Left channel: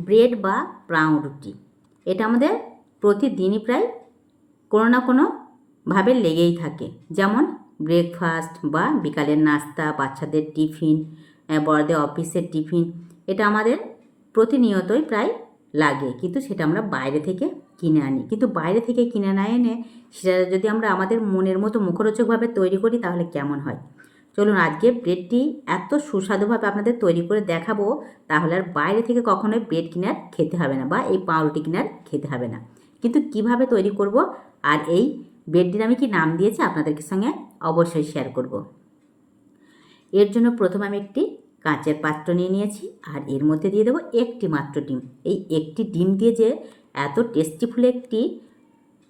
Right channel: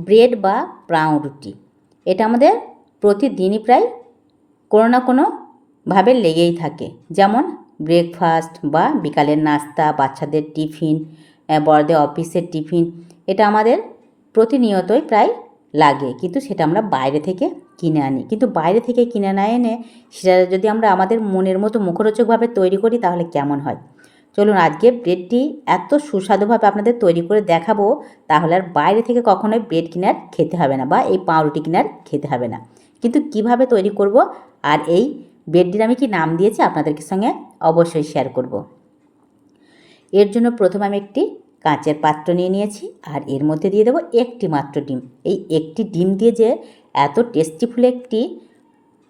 Bread বা পাউরুটি এটা আমাদের প্রতিদিনই প্রায় কোনো না কোনোভাবে লেগেই থাকে। যেমন ব্রেকফাস্ট বা বিকালের নাস্তা, বাচ্চাদের টিফিন বড়দের অফিসের টিফিন, এটা আমাদের প্রতিনিয়তই প্রায় লাগে। কিন্তু সেটা আমরা বাইরে থেকে কিনে আনি। কিন্তু বাইরে থেকে কিনে না এনে সেটা যদি আমরা আমাদের মনের মতো মুখরোচকভাবে তৈরি করি, তাহলে কেমন হয়? চলুন আজকে ব্রেডটি এত সুস্বাদুভাবে আপনাদের তৈরি করে দেখাবো, তাহলে আর বাইরে থেকে কখনোই ব্রেড কিনার খেতে হবে না বা এই পাউরুটি কিনার খেতে হবে না। কিন্তু কীভাবে তৈরি করব আর এই ব্রেডটির আমি কি নাম দিয়েছি আপনাদেরকে সঙ্গে অবশ্যই শেয়ার করব। এর জন্য প্রথমে আমি একটি কাঁচের পাত্র নিয়ে নিয়েছি আর এর মধ্যে দিয়ে দেবো একটি মাত্র ডিম। এই একটি ডিম দিয়ে যে এত টেস্টিফুল একটি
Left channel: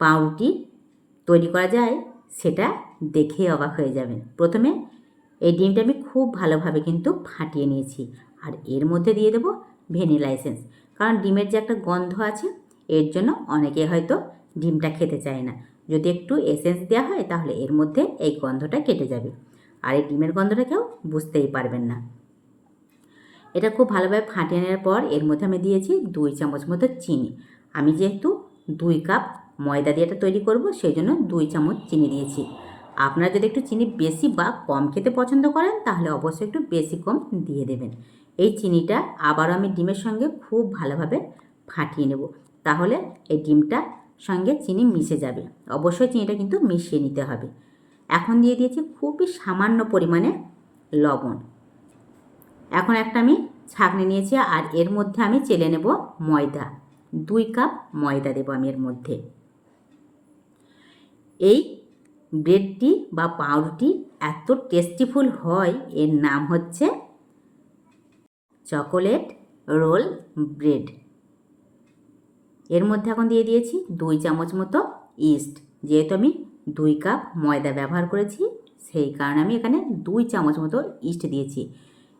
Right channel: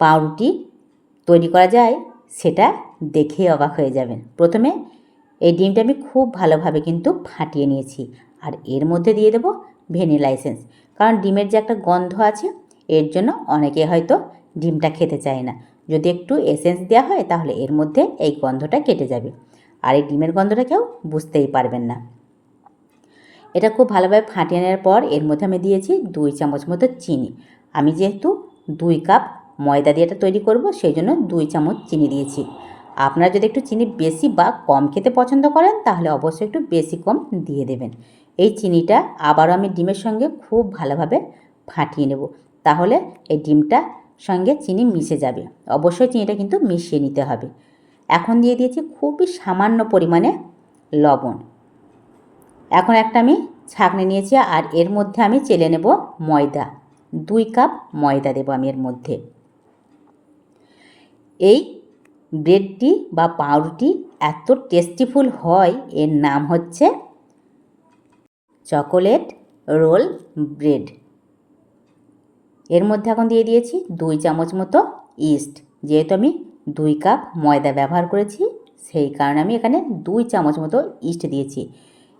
পাউরুটি তৈরি করা যায়, সেটা দেখেই অবাক হয়ে যাবেন। প্রথমে এই ডিমটা আমি খুব ভালোভাবে কিন্তু ফাটিয়ে নিয়েছি। আর এর মধ্যে দিয়ে দেবো ভ্যানিলা এসেন্স। কারণ ডিমের যে একটা গন্ধ আছে, এর জন্য অনেকে হয়তো ডিমটা খেতে চায় না। যদি একটু এসেন্স দেওয়া হয়, তাহলে এর মধ্যে এই গন্ধটা কেটে যাবে। আর এই ডিমের গন্ধটা কেউ বুঝতেই পারবেন না। এটা খুব ভালোভাবে ফাটিয়ে নেওয়ার পর, এর মধ্যে আমি দিয়েছি দুই চামচ মতো চিনি। আমি যেহেতু দুই কাপ ময়দা দিয়ে এটা তৈরি করব, সেই জন্য দুই চামচ চিনি দিয়েছি। আপনারা যদি একটু চিনি বেশি বা কম খেতে পছন্দ করেন, তাহলে অবশ্যই একটু বেশি কম দিয়ে দেবেন। এই চিনিটা আবারও আমি ডিমের সঙ্গে খুব ভালোভাবে ফাটিয়ে নেব। তাহলে এই ডিমটা সঙ্গে চিনি মিশে যাবে। অবশ্যই চিনিটা কিন্তু মিশিয়ে নিতে হবে। এখন দিয়ে দিয়েছি খুবই সামান্য পরিমাণে লবণ। এখন একটা আমি ছাঁকনি নিয়েছি আর এর মধ্যে আমি চেলে নেব ময়দা। দুই কাপ ময়দা দেবো আমি এর মধ্যে। এই ব্রেডটি বা পাউরুটি এত টেস্টিফুল হয়, এর নাম হচ্ছে চকোলেট রোল ব্রেড। এর মধ্যে এখন দিয়ে দিয়েছি দুই চামচ মতো ইস্ট। যেহেতু আমি দুই কাপ ময়দা ব্যবহার করেছি, সেই কারণে আমি এখানে দুই চামচ মতো ইস্ট দিয়েছি।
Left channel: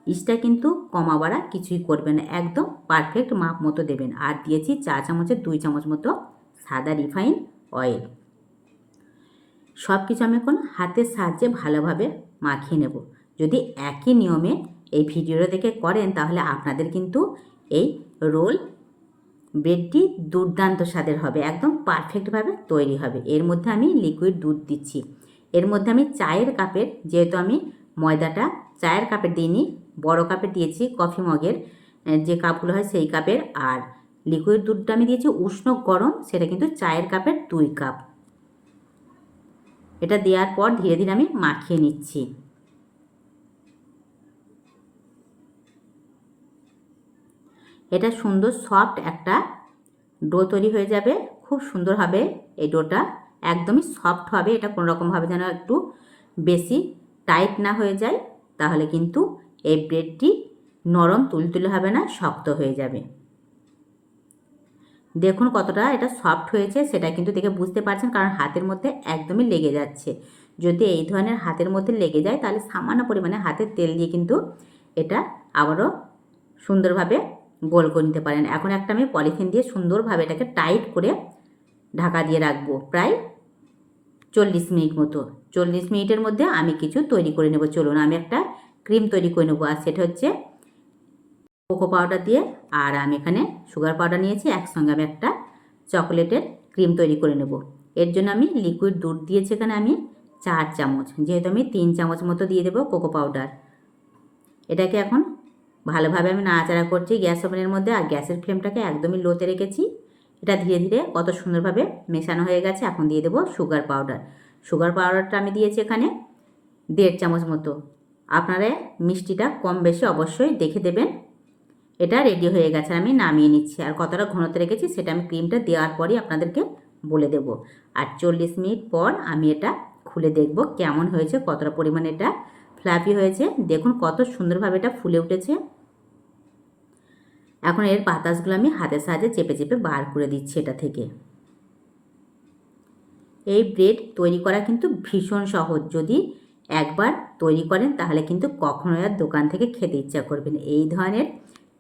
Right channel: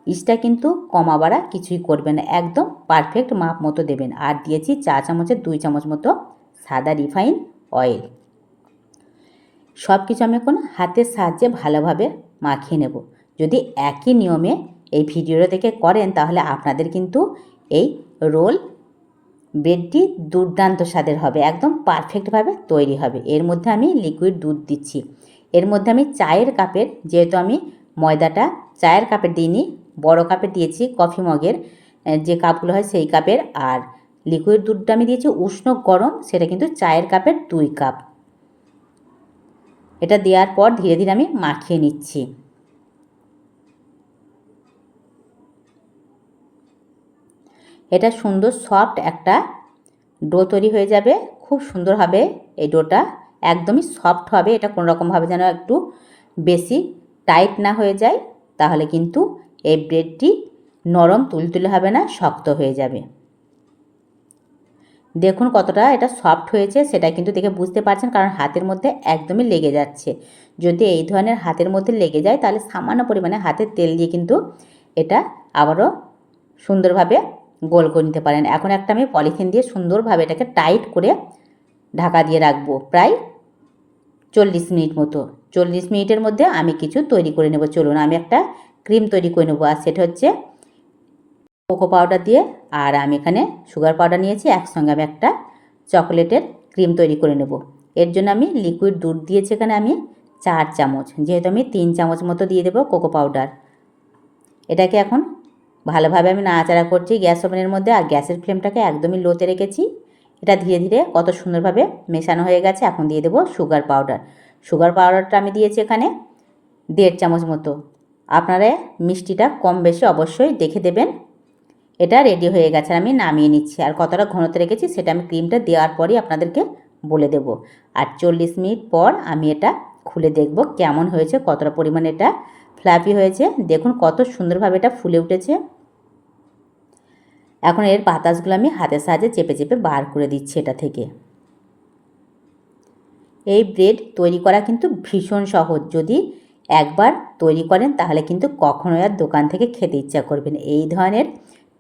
ইস্টটা কিন্তু কমা বাড়া কিছুই করবেন না, একদম পারফেক্ট মাপ মতো দেবেন। আর দিয়েছি চা চামচের দুই চামচ মতো সাদা রিফাইন অয়েল। সব কিছু আমি এখন হাতের সাহায্যে ভালোভাবে মাখিয়ে নেব। যদি একই নিয়মে এই ভিডিওটা দেখে করেন, তাহলে আপনাদের কিন্তু এই রোল ব্রেডটি দুর্দান্ত স্বাদের হবে, একদম পারফেক্টভাবে তৈরি হবে। এর মধ্যে আমি লিকুইড দুধ দিচ্ছি। এর মধ্যে আমি চায়ের কাপের, যেহেতু আমি ময়দাটা চায়ের কাপের দিইনি, বড় কাপের দিয়েছি কফি মগের যে কাপগুলো হয় সেই কাপের, আর লিকুইড দুধটা আমি দিয়েছি উষ্ণ গরম, সেটা কিন্তু চায়ের কাপের দুই কাপ। এটা দেওয়ার পর ধীরে ধীরে আমি মাখিয়ে নিচ্ছি। এটা সুন্দর সফট একটা ডো তৈরি হয়ে যাবে। খুব সুন্দর হবে এই ডোটা। একদমই সফট হবে। এটা কোনো রকমভাবে যেন একটু বেশি টাইট না হয়ে যায়, তাহলে কিন্তু এই ব্রেডটি নরম, তুলতুলে হবে না, শক্ত হয়ে যাবে। দেখুন কতটা এটা সফট হয়েছে, সেটা কিন্তু দেখে বুঝতে পারছেন কারণ হাতের মধ্যে একদমই লেগে যাচ্ছে। যদি এই ধরনের হাতের মধ্যে লেগে যায়, তাহলে সামান্য পরিমাণে হাতের তেল দিয়ে কিন্তু এটা আবারও সুন্দরভাবে গোল করে নিতে পারেন। এখন একটা আমি পলিথিন দিয়ে সুন্দরভাবে এটাকে টাইট করে ঢাকা দিয়ে রাখব প্রায় চল্লিশ মিনিট মতো। চল্লিশ মিনিটের মধ্যে আমি কিছু তৈরি করে নেব। চলুন, আমি একটা ক্রিম তৈরি করে নেব। আর সেটা হচ্ছে কোকো পাউডার দিয়ে আর আমি এখানে সুগার পাউডার নিয়েছি, একসঙ্গে আমি একটা চকোলেটের ক্রিম তৈরি করে নেব। এর জন্য আমি লিকুইড দুধ দিয়েছি এখানে আমি চার চামচ, যেহেতু আমি তিন চামচ মতো দিয়ে দেবো কোকো পাউডার। এটাকে এখন ভালোভাবে আমি নাড়াচাড়া করছি গ্যাস ওভেনের মধ্যে আর গ্যাসের ফ্লেমটাকে একদমই লোতে রেখেছি। এটা ধীরে ধীরে কত সুন্দরভাবে মেশানো হয়ে গেছে, এখন দিয়ে দেবো সুগার পাউডার। সুগার পাউডারটা আমি দিয়েছি এখানে দেড় চামচ মতো। আপনারা মিষ্টিটা কম বেশি অবশ্যই দেখে দেবেন। এটা রেডি হয়ে গেছে, আমি নামিয়ে নিচ্ছি। আর কতটা ঘনত্ব রেখেছি সেটা আমি ক্রিমটা দেওয়ার পরই আপনাদেরকে বলে দেব। আর চল্লিশ মিনিট পর আমি এটা খুলে দেখব কেমন হয়েছে, কতটা পরিমাণ এটা ফ্লাফি হয়েছে। দেখুন কত সুন্দরভাবে এটা ফুলে উঠেছে। এখন এর বাতাসগুলো আমি হাতের সাহায্যে চেপে চেপে বার করে দিচ্ছি এটা থেকে। এই ব্রেড তৈরি করা কিন্তু ভীষণ সহজ। যদি একবার তৈরি করেন তাহলে কিন্তু কখনোই আর দোকান থেকে খেতে ইচ্ছা করবেন এই ধরনের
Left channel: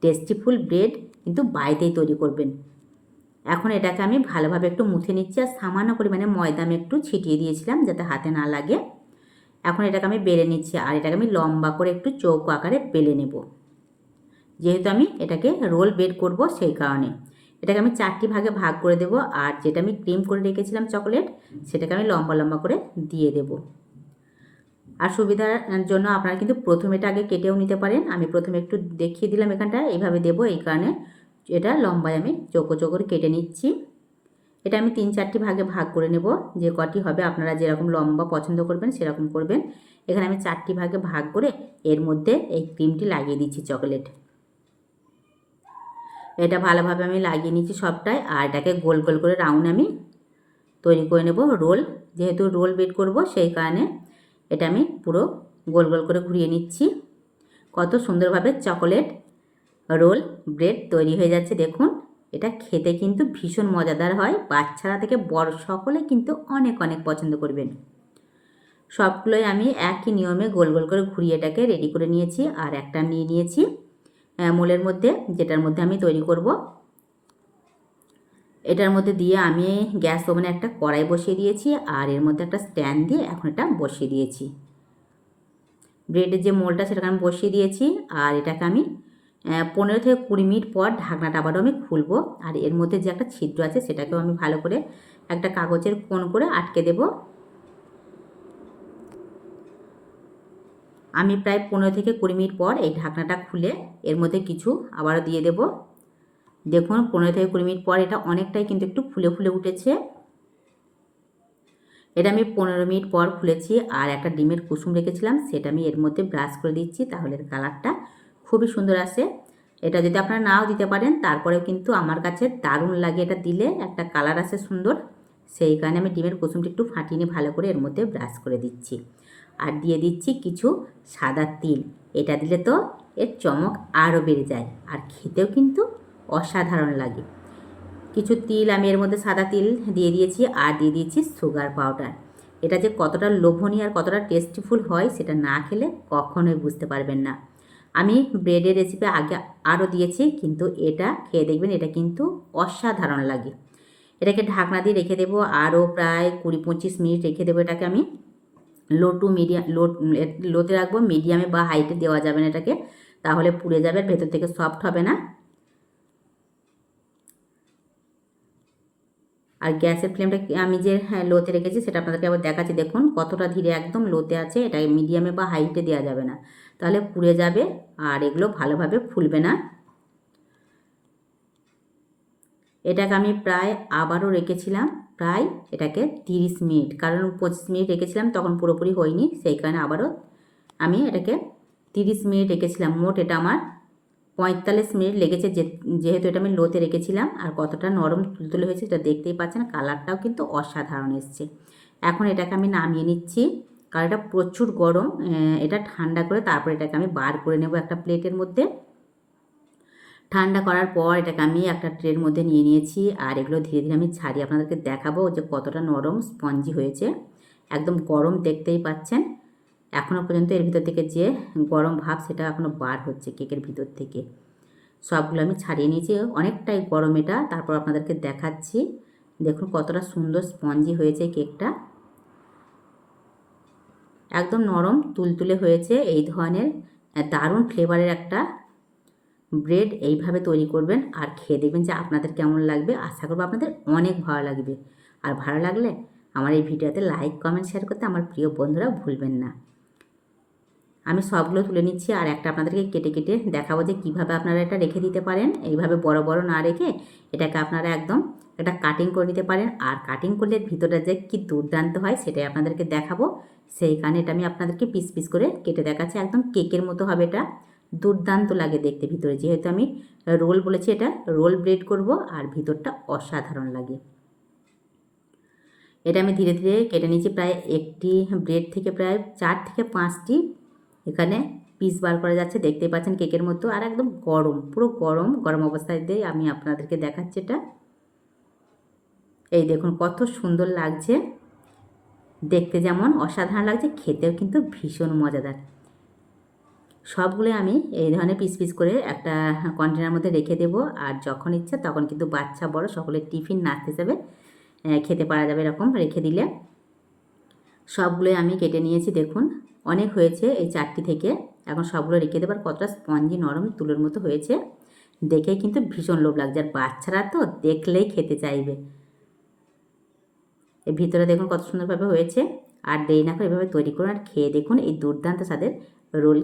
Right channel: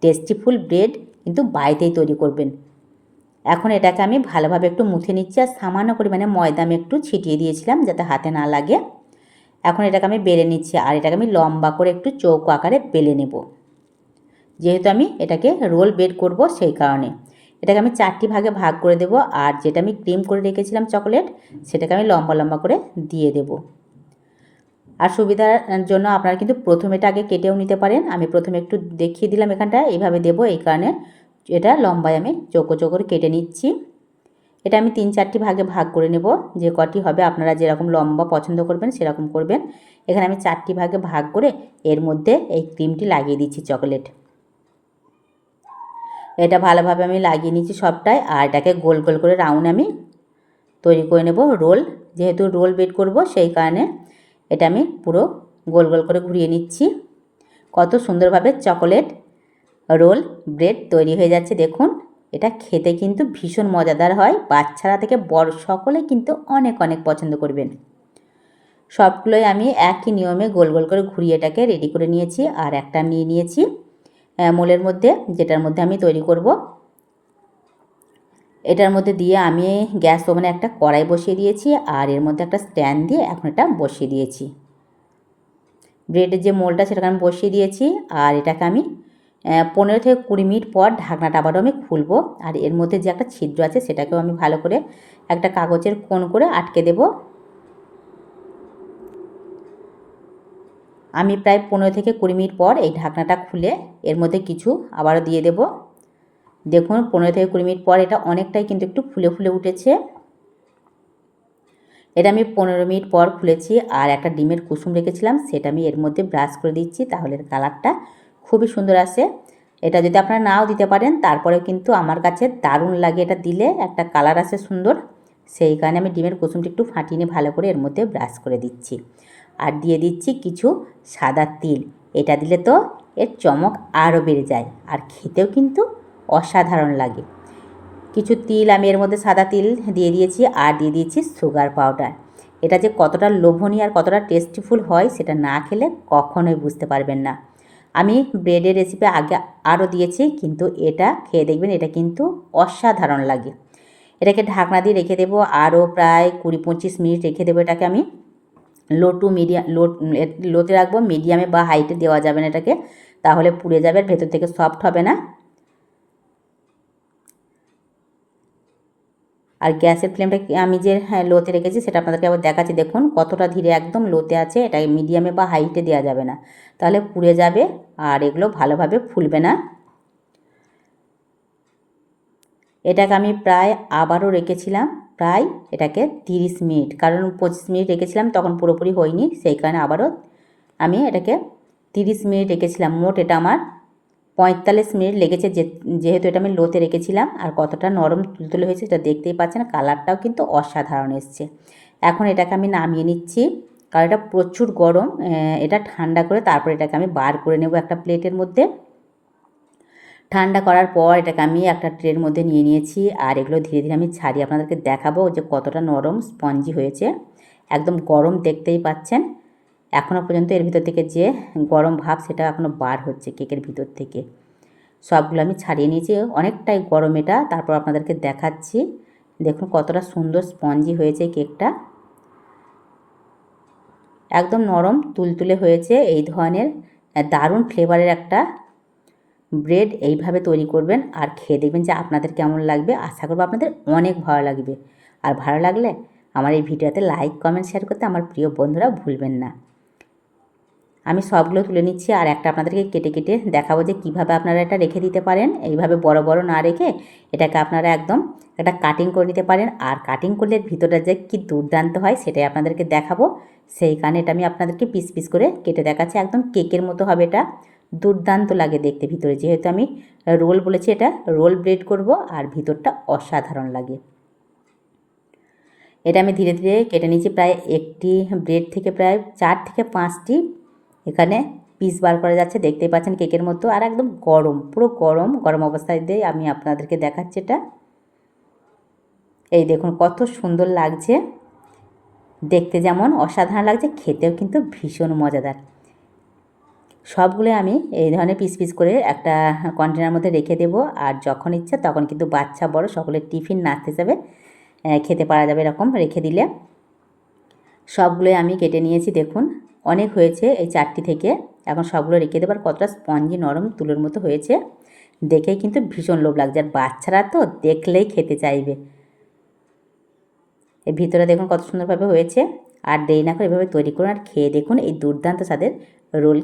টেস্টিফুল ব্রেড কিন্তু বাড়িতেই তৈরি করবেন। এখন এটাকে আমি ভালোভাবে একটু মুছে নিচ্ছি আর সামান্য পরিমাণে ময়দা আমি একটু ছিটিয়ে দিয়েছিলাম যাতে হাতে না লাগে। এখন এটাকে আমি বেলে নিচ্ছি আর এটাকে আমি লম্বা করে একটু চৌকো আকারে বেলে নেব। যেহেতু আমি এটাকে রোল বেড করব সেই কারণে। এটাকে আমি চারটি ভাগে ভাগ করে দেব আর যেটা আমি ক্রিম করে রেখেছিলাম চকোলেট সেটাকে আমি লম্বা লম্বা করে দিয়ে দেব। আর সুবিধার জন্য আপনারা কিন্তু প্রথমে এটা আগে কেটেও নিতে পারেন। আমি প্রথমে একটু দেখিয়ে দিলাম এখানটা এইভাবে দেব এই কারণে এটা লম্বায় আমি চোখো চোখো কেটে নিচ্ছি। এটা আমি তিন চারটি ভাগে ভাগ করে নেব, যে কটি হবে আপনারা যেরকম লম্বা পছন্দ করবেন সেরকম করবেন। এখানে আমি চারটি ভাগে ভাগ করে এর মধ্যে এই ক্রিমটি লাগিয়ে দিচ্ছি চকোলেট। এটা ভালোভাবে আমি লাগিয়ে নিচ্ছি সবটাই, আর এটাকে গোল গোল করে রাউন্ড আমি তৈরি করে নেব, রোল। যেহেতু রোল বেড করব সেই কারণে এটা আমি পুরো গোল গোল করে ঘুরিয়ে নিচ্ছি। কত সুন্দরভাবে চকোলেট রোল ব্রেড তৈরি হয়ে যাচ্ছে, দেখুন। এটা খেতে কিন্তু ভীষণ মজাদার হয়। বাচ্চারা থেকে বড় সকলে কিন্তু অনেক অনেক পছন্দ করবেন। সবগুলোই আমি একই নিয়মে গোল গোল করে ঘুরিয়ে এটাকে রেডি করে নিয়েছি আর একটা নিয়ে নিয়েছি। মোলের মধ্যে যেটার মধ্যে আমি তৈরি করব। এটার মধ্যে দিয়ে আমি গ্যাস ওভেনে একটা কড়াই বসিয়ে দিয়েছি আর এর মধ্যে একটা স্ট্যান্ড দিয়ে এখন এটা বসিয়ে দিয়েছি। ব্রেডের যে মোলটা সেটাকে আমি বসিয়ে দিয়েছি আর এটাকে আমি পনেরো থেকে কুড়ি মিনিট পর ঢাকনাটা আবারও আমি খুলবো আর এর মধ্যে যে একটা ছিদ্র আছে সেটাকেও আমি ভালো করে একটা কাগজের কোণ করে আটকে দেব। আমি প্রায় পনেরো থেকে কুড়ি মিনিট পর এই ঢাকনাটা খুলে এর মধ্যে কিছু আবারও দিয়ে দেব। দেখুন, পনেরো থেকে কুড়ি মিনিট পর এটা অনেকটাই কিন্তু একটু ফুলে ফুলে উঠেছে। এটা আমি পনেরো মিনিট পর খুলেছি আর একটা ডিমের কুসুম রেখেছিলাম, সেটা আমি এর মধ্যে ব্রাশ করে দিচ্ছি, তাহলে কালারটা খুবই সুন্দর আসে। এটা যদি আপনারা নাও দিতে পারেন, তারপরেও কিন্তু আমার কাছে দারুণ লাগে এটা দিলে, একটা কালার আসে সুন্দর। সেই কারণে আমি ডিমের কুসুমটা একটু ফাটিয়ে ভালো করে এর মধ্যে ব্রাশ করে দিচ্ছি। আর দিয়ে দিচ্ছি কিছু সাদা তিল, এটা দিলে তো এর চমক আরও বেড়ে যায়। আর খেতেও কিন্তু অসাধারণ লাগে। কিছু তিল আমি এর মধ্যে সাদা তিল দিয়ে দিয়েছি আর দিয়ে দিয়েছি সুগার পাউডার এটা যে কতটা লোভনীয় আর কতটা টেস্টিফুল হয় সেটা না খেলে কখনোই বুঝতে পারবেন না। আমি ব্রেডের রেসিপি আগে আরও দিয়েছি কিন্তু এটা খেয়ে দেখবেন এটা কিন্তু অসাধারণ লাগে। এটাকে ঢাকনা দিয়ে রেখে দেবো আরও প্রায় কুড়ি পঁচিশ মিনিট রেখে দেবো এটাকে আমি। লো টু মিডিয়াম, লো লোতে রাখব, মিডিয়ামে বা হাইটে দেওয়া যাবে না এটাকে। তাহলে পুড়ে যাবে ভেতর থেকে সফট হবে না। আর গ্যাসের ফ্লেমটা আমি যে হ্যাঁ লোতে রেখেছি সেটা আপনাদেরকে আবার দেখাচ্ছি। দেখুন কতটা ধীরে একদম লোতে আছে, এটা মিডিয়ামে বা হাইটে দেওয়া যাবে না। তাহলে পুড়ে যাবে আর এগুলো ভালোভাবে ফুলবে না। এটাকে আমি প্রায় আবারও রেখেছিলাম, প্রায় এটাকে তিরিশ মিনিট। কারণ পঁচিশ মিনিট রেখেছিলাম, তখন পুরোপুরি হয়নি, সেই কারণে আবারও আমি এটাকে তিরিশ মিনিট রেখেছিলাম, মোট এটা আমার পঁয়তাল্লিশ মিনিট লেগেছে যেহেতু এটা আমি লোতে রেখেছিলাম আর কতটা নরম তুলতুলে হয়েছে সেটা দেখতেই পাচ্ছেন, কালারটাও কিন্তু অসাধারণ এসছে। এখন এটাকে আমি নামিয়ে নিচ্ছি, কারণ এটা প্রচুর গরম এটা ঠান্ডা করে তারপর এটাকে আমি বার করে নেব একটা প্লেটের মধ্যে। ঠান্ডা করার পর এটাকে আমি একটা ট্রের মধ্যে নিয়ে নিয়েছি আর এগুলো ধীরে ধীরে আমি ছাড়িয়ে আপনাদেরকে দেখাবো যে কতটা নরম স্পঞ্জি হয়েছে। একদম গরম দেখতেই পাচ্ছেন। এখনও পর্যন্ত এর ভিতর থেকে যে গরম ভাব সেটা এখনও বার হচ্ছে কেকের ভিতর থেকে। সবগুলো আমি ছাড়িয়ে নিয়েছি, অনেকটাই গরম এটা। তারপর আপনাদেরকে দেখাচ্ছি। দেখুন কতটা সুন্দর স্পঞ্জি হয়েছে কেকটা। একদম নরম, তুলতুলে হয়েছে এই ধরনের দারুণ ফ্লেভারের একটা ব্রেড এইভাবে তৈরি করবেন আর খেয়ে দেখবেন যে আপনাদের কেমন লাগবে। আশা করব আপনাদের অনেক ভালো লাগবে। আর ভালো লাগলে আমার এই ভিডিওতে লাইক, কমেন্ট, শেয়ার করতে আমার প্রিয় বন্ধুরা ভুলবেন না। আমি সবগুলো তুলে নিচ্ছি আর একটা আপনাদেরকে কেটে কেটে দেখাবো যে কীভাবে আপনারা এটা রেখে দিতে পারেন। এইভাবে বড় বড় না রেখে এটাকে আপনারা একদম একটা কাটিং করে নিতে পারেন। আর কাটিং করলে ভিতরটা যে কী দুর্দান্ত হয় সেটাই আপনাদেরকে দেখাবো। সেই কারণে এটা আমি আপনাদেরকে পিস পিস করে কেটে দেখাচ্ছি। একদম কেকের মতো হবে এটা। দুর্দান্ত লাগে দেখতে ভিতরে। যেহেতু আমি রোল বলেছি এটা রোল ব্রেড করব আর ভিতরটা অসাধারণ লাগে। এটা আমি ধীরে ধীরে কেটে নিয়েছি প্রায় একটি ব্রেড থেকে প্রায় চার থেকে পাঁচটি এখানে পিস বার করা যাচ্ছে, দেখতেই পাচ্ছেন কেকের মতো, আর একদম গরম, পুরো গরম গরম অবস্থায় দিয়ে আমি আপনাদেরকে দেখাচ্ছি এটা। এই দেখুন কত সুন্দর লাগছে, দেখতে যেমন অসাধারণ লাগছে, খেতেও কিন্তু ভীষণ মজাদার। সবগুলো আমি এই ধরনের পিস পিস করে একটা কন্টেনার মধ্যে রেখে দেব, আর যখন ইচ্ছা তখন কিন্তু বাচ্চা, বড় সকলের টিফিন নাচতে যাবে খেতে পারা যাবে এরকম রেখে দিলে। সবগুলোই আমি কেটে নিয়েছি, দেখুন। অনেক হয়েছে এই চারটি থেকে। এখন সবগুলো রেখে দেবার কতটা স্পঞ্জি নরম তুলোর মতো হয়েছে। দেখেই কিন্তু ভীষণ লোভ লাগছে। আর বাচ্চারা তো দেখলেই খেতে চাইবে। এর ভিতরে দেখুন কত সুন্দরভাবে হয়েছে। আর দেরি না করে এভাবে তৈরি করুন আর খেয়ে দেখুন এই দুর্দান্ত স্বাদের রোল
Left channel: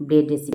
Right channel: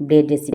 ব্রেড রেসিপি